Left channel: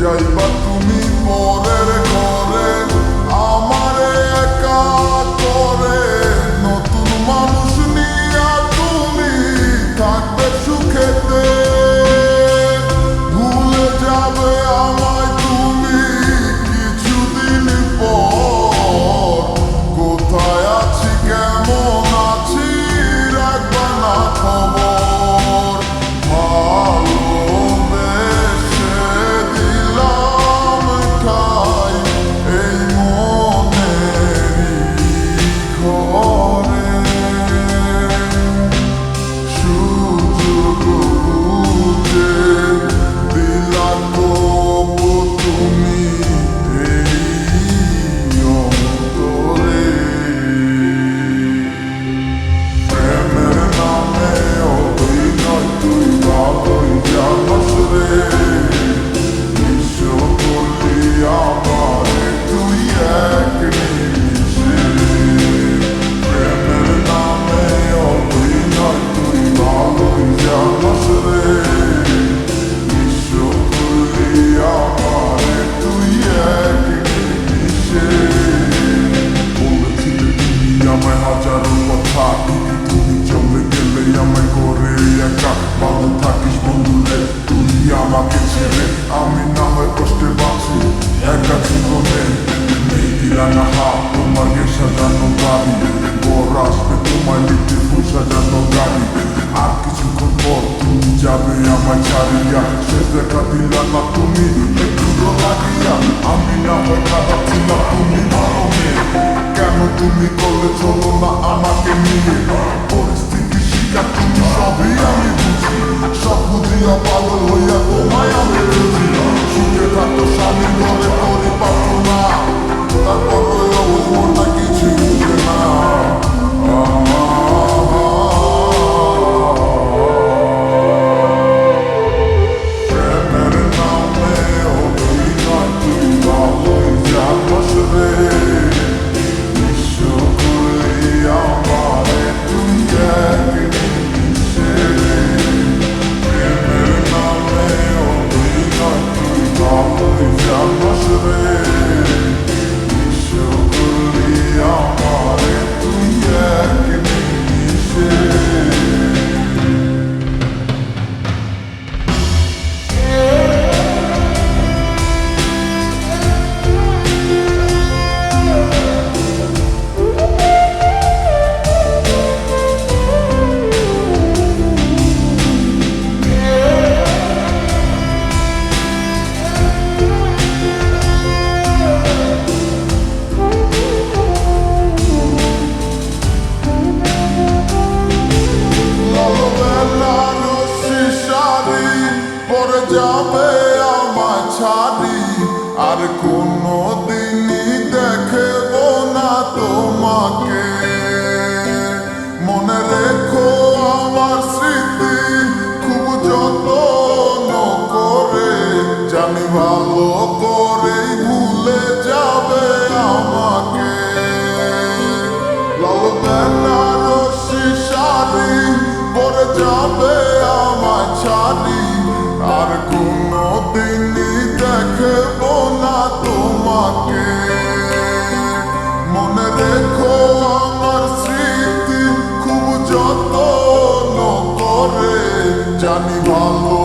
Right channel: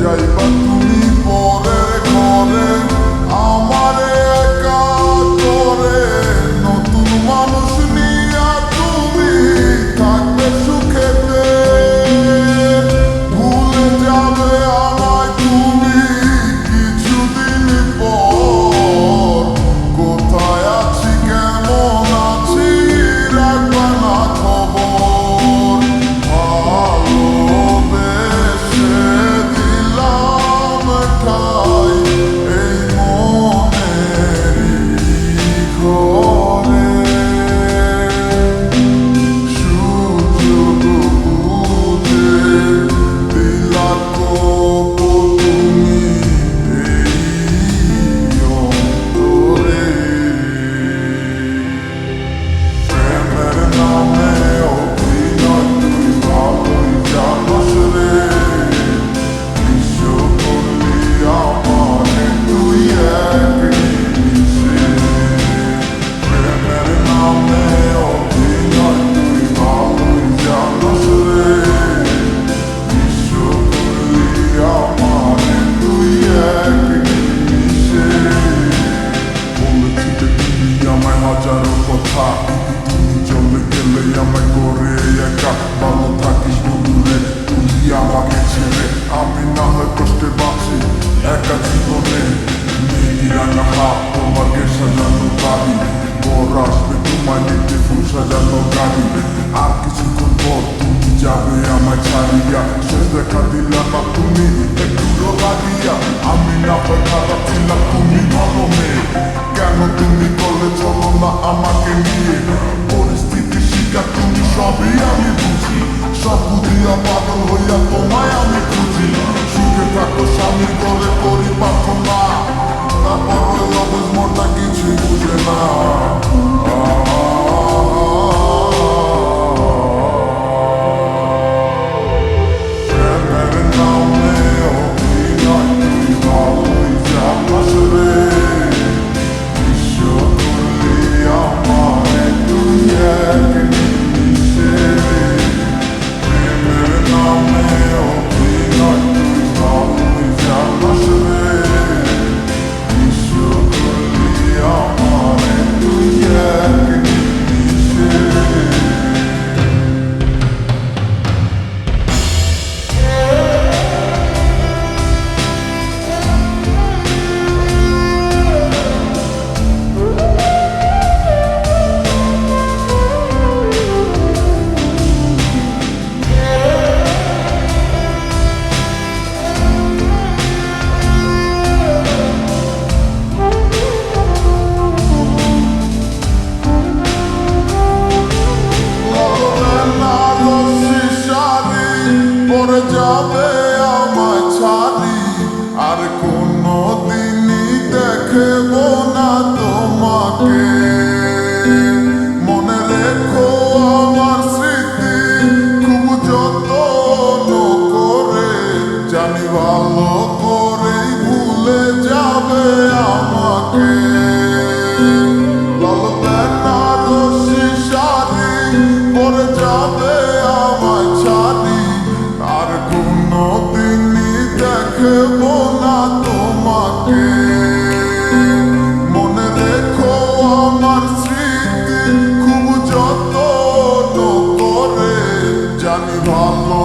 যাইবা তুমি পরের ঘরে আমারে একা করে, নতুন মানুষ নিয়া তুমি থাকবে সুখেতে, ভুলে যাবে আমায় তুমি কিছুদিন পর। কোথায় আছি কেমন আছি রাখবা না খবর, ভালোবেসে দিলাম ঠাই এই মনেরই ঘরে। সুযোগ বুঝে দিলা কোপ তুমি এই অন্তরে, প্রেমের নামে অভিনয় তুই ভালোই জানস রে, বিশ্ব করলি আমারে তুই এক নিমিষে। প্রেমের নামে অভিনয় তুই ভালোই জানস রে, বিশ্ব করলি আমারে তুই এক নিমিষে। বলেছিলে তুমি আমায় হাজারো কথা, ঠিকই তুমি চলে গেলে আমায় করে একা। ভালো থাকিস বন্ধুরে তুই আমাকে ছেড়ে, আমি না হয় কষ্টে বাঁচি একা জীবনে। মেঘি রাঙা হাত তোমার গে সাজানো বাড়ি, বর আসবে তোমায় নিতে ফুল সাজানো গাড়ি। আর কিছুক্ষণ পর তুমি যাবে আমায় ছাড়িয়া, শেষ দেখা দিলা না তুমি একটু লাগিয়া। আমি না হয় খারাপ ছিলাম তুমি ভালো মেয়ে, কেন তুমি করলে চলো না আমাকে নিয়ে। পরিস্থিতির শিকার তুমি সবই আমি বুঝি, সব বুঝিয়া পাগল হইয়া তোমায় আমি খুঁজি। সুখে থাকো স্বামীর ঘরে করি প্রার্থনা, তারপর ওই অবুঝ মনটা কিছুই বুঝে না। প্রেমের নামে অভিনয় তুই ভালোই জানস রে, বিশ্ব করলি আমারে তুই এক নিমিষে। প্রেমের নামে অভিনয় তুই ভালোই জানস রে, বিশ্ব করলি আমারে তুই এক নিমিষে। পরে যাবে আমায় ছাড়ি, আর কোনো দিনই দেখব না তোমাকে। মনে রেখো আমার স্মৃতি খুব যত্ন করে, জানি ভালো করেই ভুলে যাবে আমাকে। লাল বেনারসি শাড়ি পরে যাবে আমায় ছাড়ি, আর কোনো দিনই দেখব না তোমাকে। মনে রেখো আমার স্মৃতি খুব যত্ন করে, জানি ভালো